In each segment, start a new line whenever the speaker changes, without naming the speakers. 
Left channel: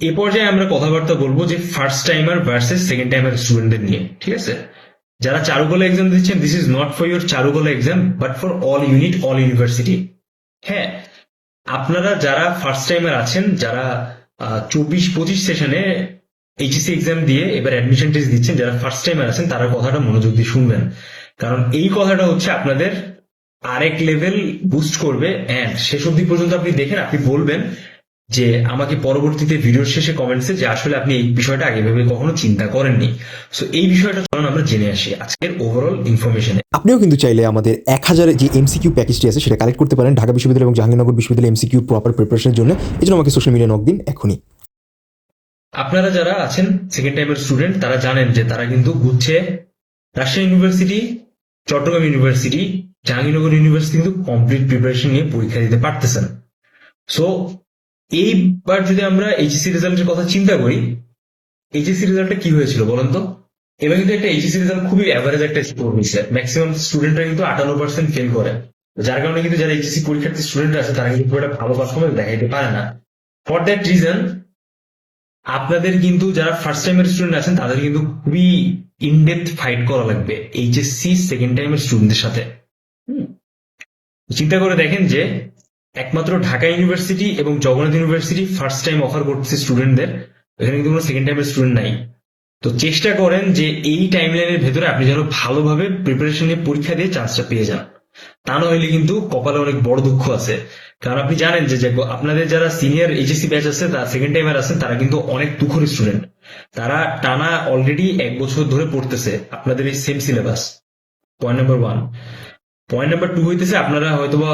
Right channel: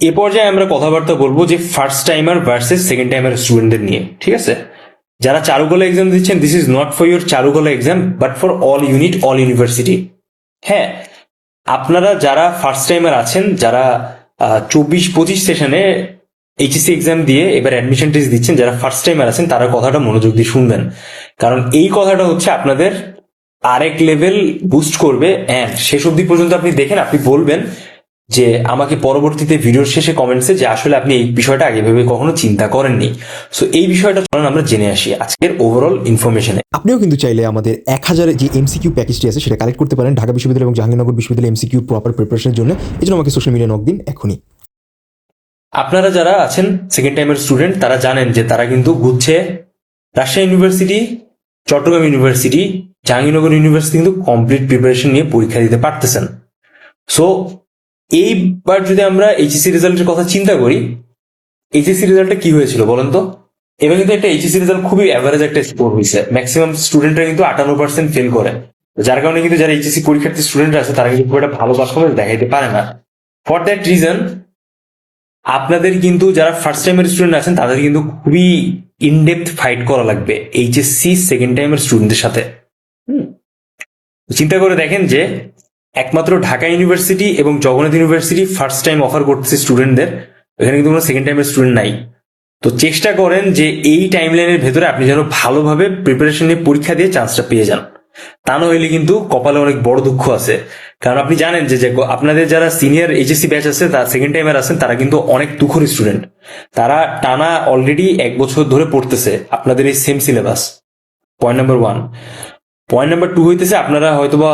এ পর্যায়ে আমরা কথাবার্তা বলব যে first timer versus second timer স্টুডেন্টদের নিয়ে, ঠিক আছে? যারা চারুকলা এক্সাম দিচ্ছেন this is not for your Charukala exam but for all unit all university হ্যাঁ আপনারা যারা ফার্স্ট টাইমার আছেন, যারা চব্বিশ পঁচিশ সেশনে এইচএসসি এক্সাম দিয়ে এবার অ্যাডমিশন টেস্ট দিচ্ছেন, যারা ফার্স্ট টাইমার আছেন, তারা কথাটা মনোযোগ দিয়ে শুনবেন। কারণ এই কথাটা হচ্ছে আপনাদের আরেক লেভেল বুস্ট করবে অ্যান্ড শেষ অবধি পর্যন্ত আপনি দেখেন, আপনি বলবেন যে আমাকে পরবর্তীতে ভিডিওর শেষে কমেন্টসে যে আসলে আপনি এই বিষয়টা আগে ভেবে কখনো চিন্তা করেননি। সো এই বিষয়টা চলুন আমরা জেনে আসি আজকের ওভারঅল ইনফরমেশনে
আপনিও কিন্তু চাইলে আমাদের এক হাজার যে এমসিকিউ প্যাকেজটি আছে সেটা কালেক্ট করতে পারেন ঢাকা বিশ্ববিদ্যালয় এবং জাহাঙ্গীরনগর বিশ্ববিদ্যালয় এমসিকিউ প্রপার প্রিপারেশনের জন্য। এই জন্য আমাকে সোশ্যাল মিডিয়া নক দিন এখনই।
আপনারা যারা আছেন সেকেন্ড টাইমের স্টুডেন্ট তারা জানেন যে তারা কিন্তু গুচ্ছে Rajshahi university Chittagong university Jahangirnagar university কিন্তু কমপ্লিট প্রিপারেশন নিয়ে পরীক্ষা দিতে পারতেছেন। সো এইবার যদি আমরা এইচএসসি রেজাল্টের কথা চিন্তা করি এইচএসসি রেজাল্টটা কি হয়েছিল বলেন তো? এবার কিন্তু একটা এইচএসসি রেজাল্ট খুবই অ্যাভারেজ একটা স্কোর হয়েছে। ম্যাক্সিমাম স্টুডেন্টরা কিন্তু আটান্ন পার্সেন্ট ফেল করে। যার কারণে কিন্তু যারা এইচএসসি পরীক্ষার্থী স্টুডেন্ট আছে, তারা কিন্তু খুব একটা ভালো পারফরমেন্স দেখাইতে পারে না। ফর দ্যাট রিজন আপনাদের কিন্তু যারা ফার্স্ট টাইমের স্টুডেন্ট আছেন, তাদের কিন্তু খুবই ইনডেপথ ফাইট করা লাগবে এইচএসসি সেকেন্ড টাইমের স্টুডেন্টদের সাথে। চিন্তা করে দেখেন যে একমাত্র ঢাকা ইউনিভার্সিটি এবং Jagannath university first time offer করতেছে স্টুডেন্টদের এখানে কিন্তু কোনো সেকেন্ড টাইমের স্টুডেন্ট নাই। তো চেষ্টা করেন যে এই টাইম লাইনের ভেতরে আপনি যেন ভালোভাবে প্রিপারেশন নিয়ে পরীক্ষা দিয়ে চান্সটা পেয়ে যান। তা নইলে কিন্তু কপালে অনেক বড় দুঃখ আছে। কারণ আপনি জানেন যে আপনাদের যারা সিনিয়র এইচএসসি ব্যাচ আছে, তার সেকেন্ড টাইমার আছেন, তারা কিন্তু অনেক দুঃখর স্টুডেন্ট তারা টানা অলরেডি এক বছর ধরে পড়তেছে আপনাদের এই same syllabus point number one point number two হইতেছে, আপনারা হয়তোবা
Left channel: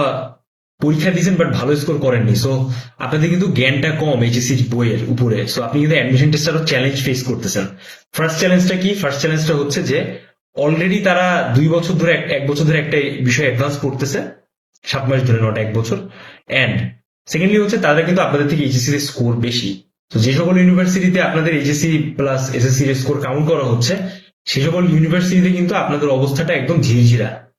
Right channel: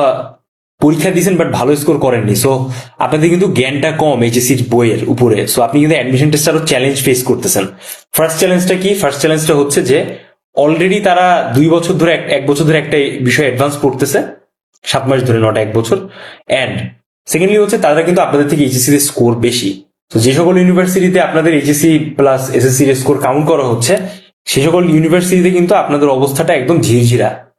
পরীক্ষা দিয়েছেন বাট ভালো স্কোর করেননি। সো আপনাদের কিন্তু জ্ঞানটা কম এইচএসসি বইয়ের উপরে। সো আপনি কিন্তু অ্যাডমিশন টেস্ট আরও চ্যালেঞ্জ ফেস করতেছেন। ফার্স্ট চ্যালেঞ্জটা কি? ফার্স্ট চ্যালেঞ্জটা হচ্ছে যে অলরেডি তারা দুই বছর ধরে, এক- বছর ধরে একটা বিষয় অ্যাডভান্স পড়তেছে, সাত মাস ধরে, নট এক বছর। অ্যান্ড সেকেন্ডলি হচ্ছে, তারা কিন্তু আপনাদের থেকে এইচএসসি এর স্কোর বেশি। তো যে সকল ইউনিভার্সিটিতে আপনাদের HSC plus SSC score count করা হচ্ছে, সে সকল ইউনিভার্সিটিতে কিন্তু আপনাদের অবস্থাটা একদম ঝিরঝিরা।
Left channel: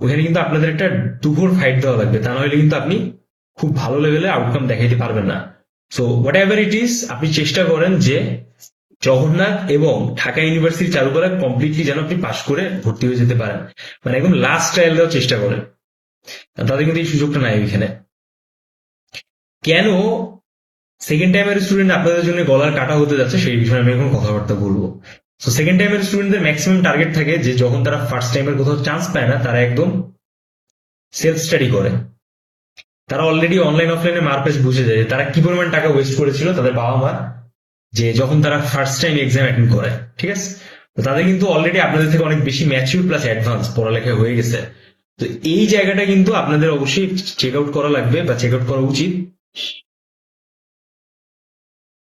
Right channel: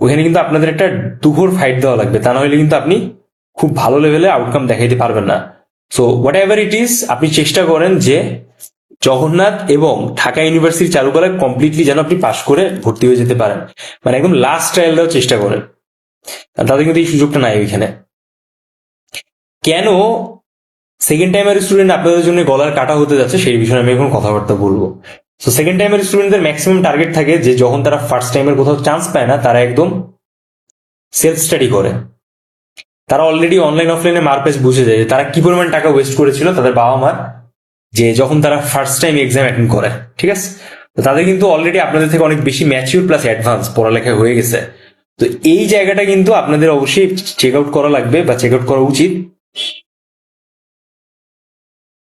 ওখানে কিন্তু আপনাদের একটা দুঘোর ফাইট দেওয়া লাগবে। তা নাহলে কিন্তু আপনি খুব ভালো লেভেলে আউটকাম দেখাইতে পারবেন না। So whatever it is আপনি চেষ্টা করেন যে জগন্নাথ এবং ঢাকা ইউনিভার্সিটি চালু করার কমপ্লিটলি যেন আপনি পাশ করে ভর্তি হয়ে যেতে পারেন। মানে একদম লাস্ট ট্রায়াল দেওয়ার চেষ্টা করেন। তাদের কিন্তু এই সুযোগটা নাই এখানে। কেন সেকেন্ড টাইমের স্টুডেন্ট আপনাদের জন্য গলার কাটা হতে যাচ্ছে সেই বিষয়ে আমি এখন কথাবার্তা বলব। তো সেকেন্ড টাইমের স্টুডেন্টদের ম্যাক্সিমাম টার্গেট থাকে যে যখন তারা ফার্স্ট টাইমের কোথাও চান্স পায় না, তারা একদম সেলফ স্টাডি করে। তারা অলরেডি অনলাইন অফলাইনে মারপেজ বুঝে যায় তারা কি পরিমাণ টাকা ওয়েস্ট করেছিল, তাদের বাবা মার যে যখন তারা ফার্স্ট টাইম এক্সাম অ্যাটেন্ড করে, ঠিক আছে? তো তাদের কিন্তু অলরেডি আপনাদের থেকে অনেক বেশি ম্যাচিউর প্লাস অ্যাডভান্স পড়ালেখা হয়ে গেছে। তো এই জায়গাটা কিন্তু আপনাদের অবশ্যই চেক আউট করা লাগবে বা চেক আউট করা উচিত।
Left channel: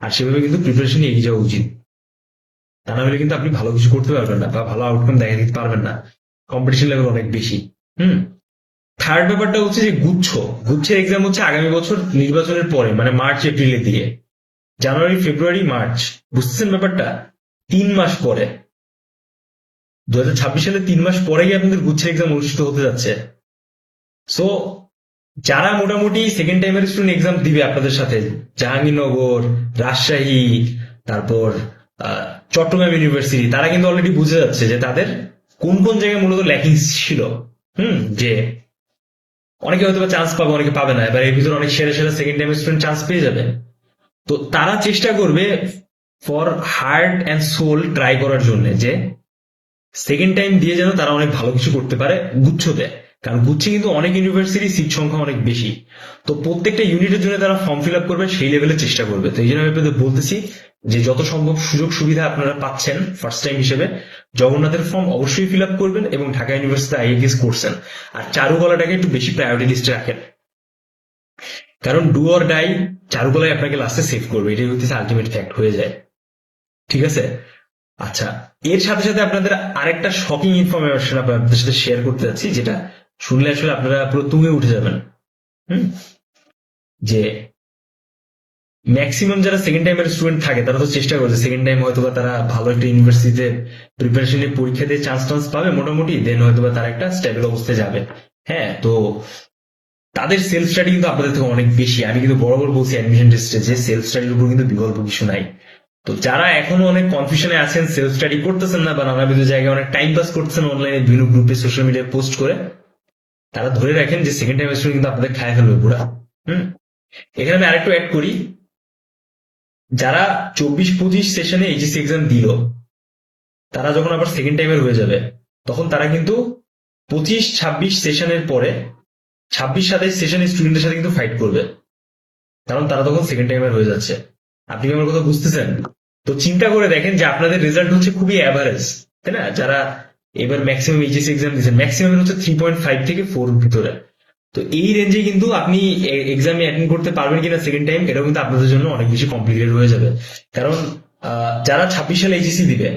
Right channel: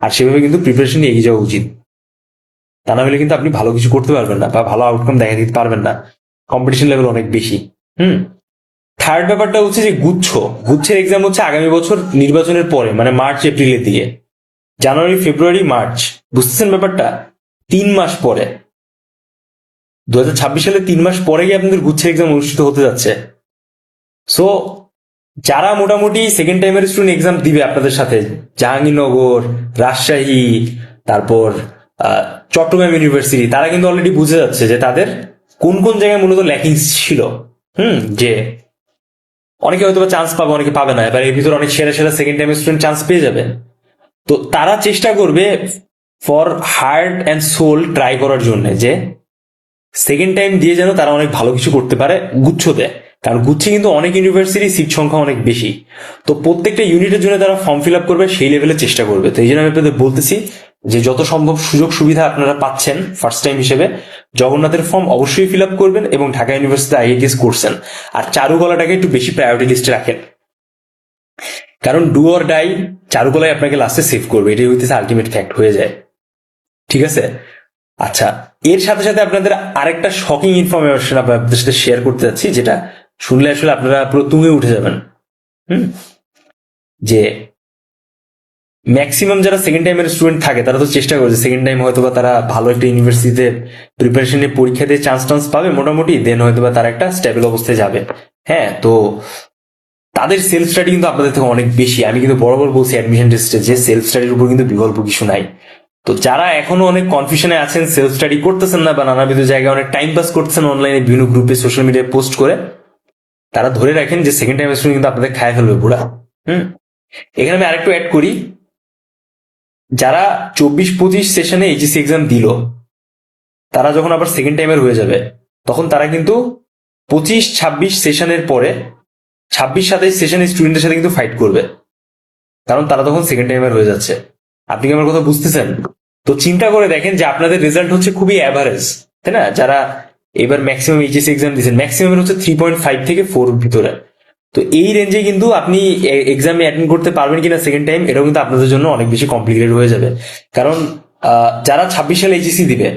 আর সেভাবে কিন্তু প্রিপারেশন এগিয়ে যাওয়া উচিত। তা না হলে কিন্তু আপনি ভালো কিছু করতে পারবেন না বা ভালো আউটকাম দেখা দিতে পারবেন না। কম্পিটিশন লেভেল অনেক বেশি। হুম? থার্ড ব্যাপারটা হচ্ছে যে গুচ্ছ। গুচ্ছের এক্সাম হচ্ছে আগামী বছর নির্বাচনের পরে মানে মার্চ এপ্রিলের দিকে। জানুয়ারি ফেব্রুয়ারি মার্চ বুঝতেছেন ব্যাপারটা? তিন মাস পরে। দু হাজার ছাব্বিশ সালে তিন মাস পরেই আপনাদের গুচ্ছের এক্সাম অনুষ্ঠিত হতে যাচ্ছে। সো যারা মোটামুটি সেকেন্ড টাইমের স্টুডেন্ট এক্সাম দিবে আপনাদের সাথে, জাহাঙ্গীরনগর, রাজশাহী, তারপর চট্টগ্রাম ইউনিভার্সিটি তারা কিন্তু অলরেডি বুঝে যাচ্ছে যে তাদের কোন কোন জায়গায় মূলত ল্যাকিং ছিল। হুম, যে অনেকে হয়তো চান্স পাবে, অনেকে পাবে না। এবার এর ভিতরে অনেক সেরা সেরা সেকেন্ড টাইম স্টুডেন্ট চান্স পেয়ে যাবে। তো তারা চেষ্টা করবে for heart and soul try করার জন্য যে সেকেন্ড টাইম দিয়ে যেন তারা অনেক ভালো কিছু করতে পারে গুচ্ছতে কারণ গুচ্ছে কিন্তু অনেক ইউনিভার্সিটি সিট সংখ্যা অনেক বেশি। তো প্রত্যেকটা ইউনিটের জন্য তারা ফর্ম ফিল আপ করবে, সেই লেভেলে চেষ্টা করবে। তো এই জন্য আমি আপনাদের বলতেছি যে যত সম্ভব সুযোগ সুবিধা আপনারা পাচ্ছেন ফার্স্ট টাইম হিসেবে, জগন্নাথের ফর্ম অবশ্যই ফিল আপ করবেন এবং ঢাকা ইউনিভার্সিটি আইএটিএস করছেন। আর চারুকলাটাকে একটু বেশি প্রায়োরিটি লিস্টে রাখেন। কারণ ডু অর ডাই চারুকলায় আপনাকে লাস্টে সেভ করবে। এটাই হইতেছে আলটিমেট ফ্যাক্ট হয়ে যায়। ঠিক আছে? আচ্ছা এর সাথে সাথে আপনাদের আরেকটা শকিং ইনফরমেশন আপনাদের সাথে শেয়ার করতে যাচ্ছি, যেটা শুনলে আসলে আপনারা পুরো তুঙে উঠে যাবেন। হুম? যে ম্যাক্সিমাম যারা সেকেন্ড টাইমের স্টুডেন্ট থাকে, তারা তো চেষ্টা করছে সেকেন্ড টাইম হয়তো বা তারা ভালো একটা ইউনিভার্সিটিতে প্রিপারেশনে পরীক্ষা দিয়ে চান্স টান্স পাবে মোটামুটি দেন হয়তো বা তারা একটা স্টেবল অবস্থায় যাবে। হ্যাঁ তো তাদের সেলফ স্টাডি কিন্তু আপনাদের থেকে অনেক বেশি। আমি কিন্তু বরাবর বলছি অ্যাডমিশন টেস্টে যে সেলফ স্টাডির উপর কিন্তু বিকল্প কিছু নাই। তো যারা এখনও অনেক কনফিউশনে আছেন সেলফ স্টাডি করতেছেন না বা নানাবিধ জায়গায় অনেক টাইম পাস করতেছেন অনলাইনে বিভিন্ন গ্রুপে সোশ্যাল মিডিয়ায় পোস্ট করে, তারা ধরে রাখেন যে সেকেন্ড টাইম স্টুডেন্ট কিন্তু আপনাদের খায় ফেলবে পুরা। হুম? এখানে আমি আরেকটু অ্যাড করি। যারা চব্বিশ পঁচিশ সেশনে এইচএসসি এক্সাম দিল, তারা যখন আবার সেকেন্ড টাইমের হয়ে যাবে, তখন তারা কিন্তু পঁচিশ ছাব্বিশ সেশনের পরে ছাব্বিশ সাতাইশ সেশনের স্টুডেন্টের সাথে কিন্তু ফাইট করবে। কারণ তারা তখন সেকেন্ড টাইমের হয়ে যাচ্ছে। আপনি কি আমার কথা বুঝতেছেন? তো চিন্তা করে দেখেন যে আপনাদের রেজাল্ট হচ্ছে খুবই অ্যাভারেজ তাই না? যারা এবার ম্যাক্সিমাম এইচএসসি এক্সাম দিয়েছেন ম্যাক্সিমাম হচ্ছে থ্রি পয়েন্ট ফাইভ থেকে ফোর ভিতরে। তো এই রেঞ্জে কিন্তু আপনি এক্সামে অ্যাটেন্ড করতে পারবেন কিনা সেকেন্ড টাইম এটাও কিন্তু আপনাদের জন্য অনেক বেশি কমপ্লিকেটেড হয়ে যাবে। কারণ যারা ছাব্বিশ সালে এইচএসি দিবে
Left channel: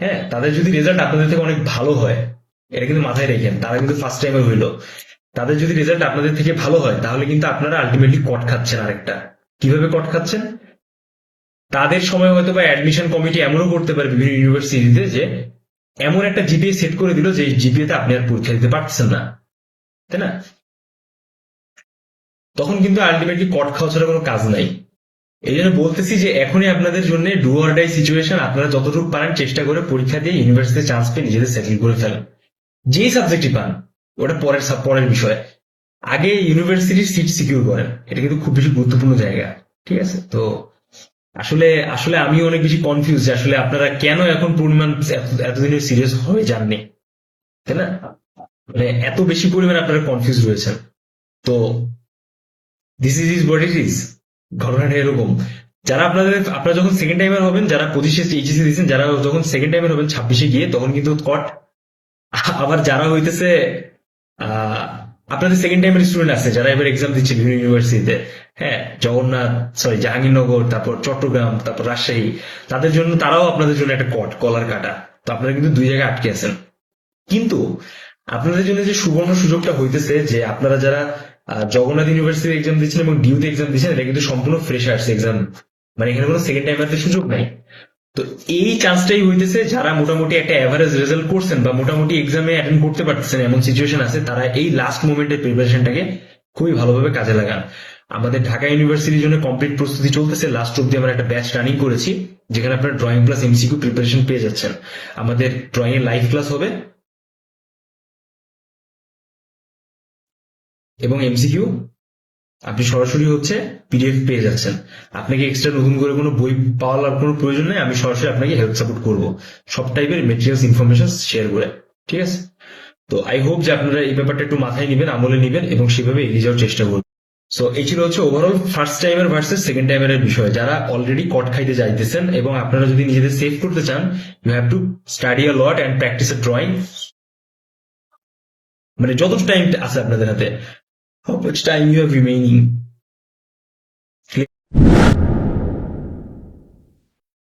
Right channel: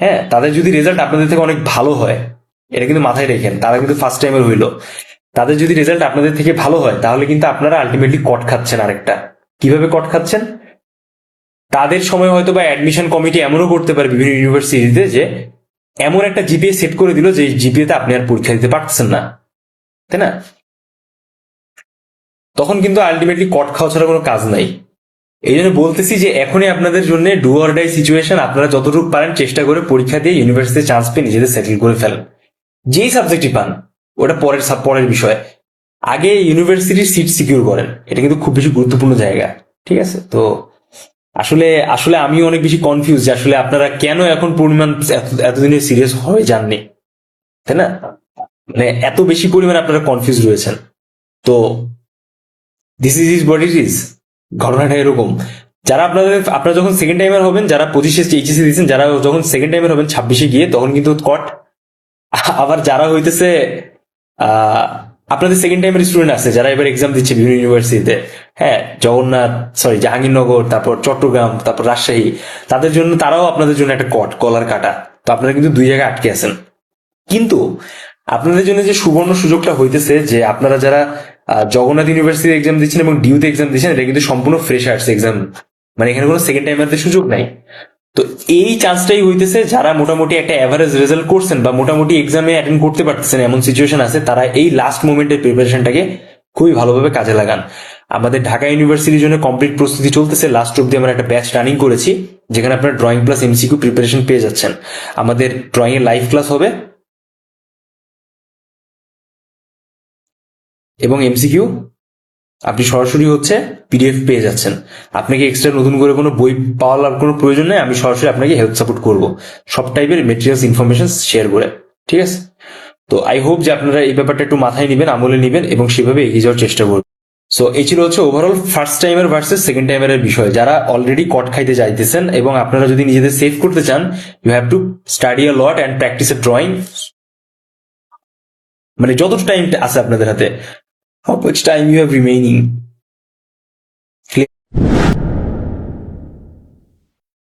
হ্যাঁ তাদের যদি রেজাল্ট আপনাদের থেকে অনেক ভালো হয়, এটা কিন্তু মাথায় রেখেন, তারা কিন্তু ফার্স্ট টাইমের হইল। তাদের যদি রেজাল্ট আপনাদের থেকে ভালো হয়, তাহলে কিন্তু আপনারা আলটিমেটলি কট খাচ্ছেন আরেকটা। কীভাবে কট খাচ্ছেন? তাদের সময় হয়তো বা অ্যাডমিশন কমিটি এমনও করতে পারে বিভিন্ন ইউনিভার্সিটিতে যে, এমন একটা জিপিএ সেট করে দিল যে জিপিএতে আপনি আর পরীক্ষা দিতে পারছেন না। তাই না? তখন কিন্তু আলটিমেটলি কট খাওয়া ছাড়া কোনো কাজ নাই। এই জন্য বলতেছি যে এখনই আপনাদের জন্য ডু অর ডাই সিচুয়েশন আপনারা যতটুকু পারেন চেষ্টা করে পরীক্ষা দিয়ে ইউনিভার্সিটিতে চান্স পেয়ে নিজেদের সেটেল করে ফেলেন। যেই সাবজেক্টই পান, ওটা পরের পরের বিষয়। আগে ইউনিভার্সিটির সিট সিকিউর করেন, এটা কিন্তু খুব বেশি গুরুত্বপূর্ণ জায়গা, ঠিক আছে? তো আসলে আসলে আমি অনেক বেশি কনফিউজ যে আসলে আপনারা কেন এখন পরিমাণ এত- এতদিনে সিরিয়াস হয়ে যাননি, তাই না? মানে এত বেশি পরিমাণে আপনারা কনফিউজ রয়েছেন। তো this is is body is ঘটনাটা এরকম। যারা আপনাদের, আপনারা যখন সেকেন্ড টাইমের হবেন, যারা পঁচিশে এইচএসি দিয়েছেন, যারা যখন সেকেন্ড টাইমার হবেন, ছাব্বিশে গিয়ে, তখন কিন্তু কট আবার যারা হইতেছে আপনাদের সেকেন্ড টাইমের স্টুডেন্ট আছে, যারা এবার এক্সাম দিচ্ছে বিভিন্ন ইউনিভার্সিটিতে হ্যাঁ জগন্নাথ সরি জাহাঙ্গীরনগর, তারপর চট্টগ্রাম, তারপর রাজশাহী, তাদের জন্য তারাও আপনাদের জন্য একটা কট কলার কাটা। তো আপনারা কিন্তু দুই জায়গায় আটকে আছেন। কিন্তু আপনাদের জন্য যে সুবর্ণ সুযোগটা হইতেছে যে আপনারা যারা জগন্নাথ ইউনিভার্সিটি এক্সাম দিচ্ছেন এবং ডিউতে এক্সাম দিচ্ছেন, এটা কিন্তু সম্পূর্ণ ফ্রেশ আর্টস এক্সাম মানে এখানে কোনো সেকেন্ড টাইমারদের সুযোগ নাই। তো এই চান্সটাই হইতেছে, যারা মোটামুটি একটা অ্যাভারেজ রেজাল্ট করছেন বা মোটামুটি এক্সামে অ্যাটেন্ড করতে পারতেছেন, এমন সিচুয়েশন আছে, তারা এই লাস্ট মোমেন্টের প্রিপারেশনটাকে খুবই ভালোভাবে কাজে লাগান। আমাদের ঢাকা ইউনিভার্সিটির জন্য কমপ্লিট প্রস্তুতি চলতেছে লাস্ট অব্দি আমরা একটা ব্যাচ রানিং করেছি, যেখানে আপনার ড্রয়িং প্লাস এমসিকিউ প্রিপারেশন পেয়ে যাচ্ছেন। আমাদের ড্রয়িং এর লাইভ ক্লাস হবে এবং এমসিকিউ আপনি সরাসরি হচ্ছে পিডিএফ পেয়ে যাচ্ছেন। আপনাকে এক্সট্রা নতুন করে কোনো বই পাওয়ার কোনো প্রয়োজন নেই, আমি সরাসরি আপনাকে হেল্প সাপোর্ট করব। সব টাইপের মেটেরিয়ালস ইনফরমেশন শেয়ার করে, ঠিক আছে? তো আই হোপ যে আপনারা এই ব্যাপারটা একটু মাথায় নেবেন, আমলে নেবেন এবং সেভাবে এগিয়ে যাওয়ার চেষ্টা করবেন। সো এই ছিল হচ্ছে ওভারঅল ফার্স্ট টাইমের ভার্সেস সেকেন্ড টাইমের বিষয়। যারা অলরেডি কট খাইতে যাইতেছেন এবং আপনারা যদি নিজেদের সেভ করতে চান you have to study a lot and practise a drawing মানে যত টাইম আছে আপনাদের হাতে। How much time you have remaining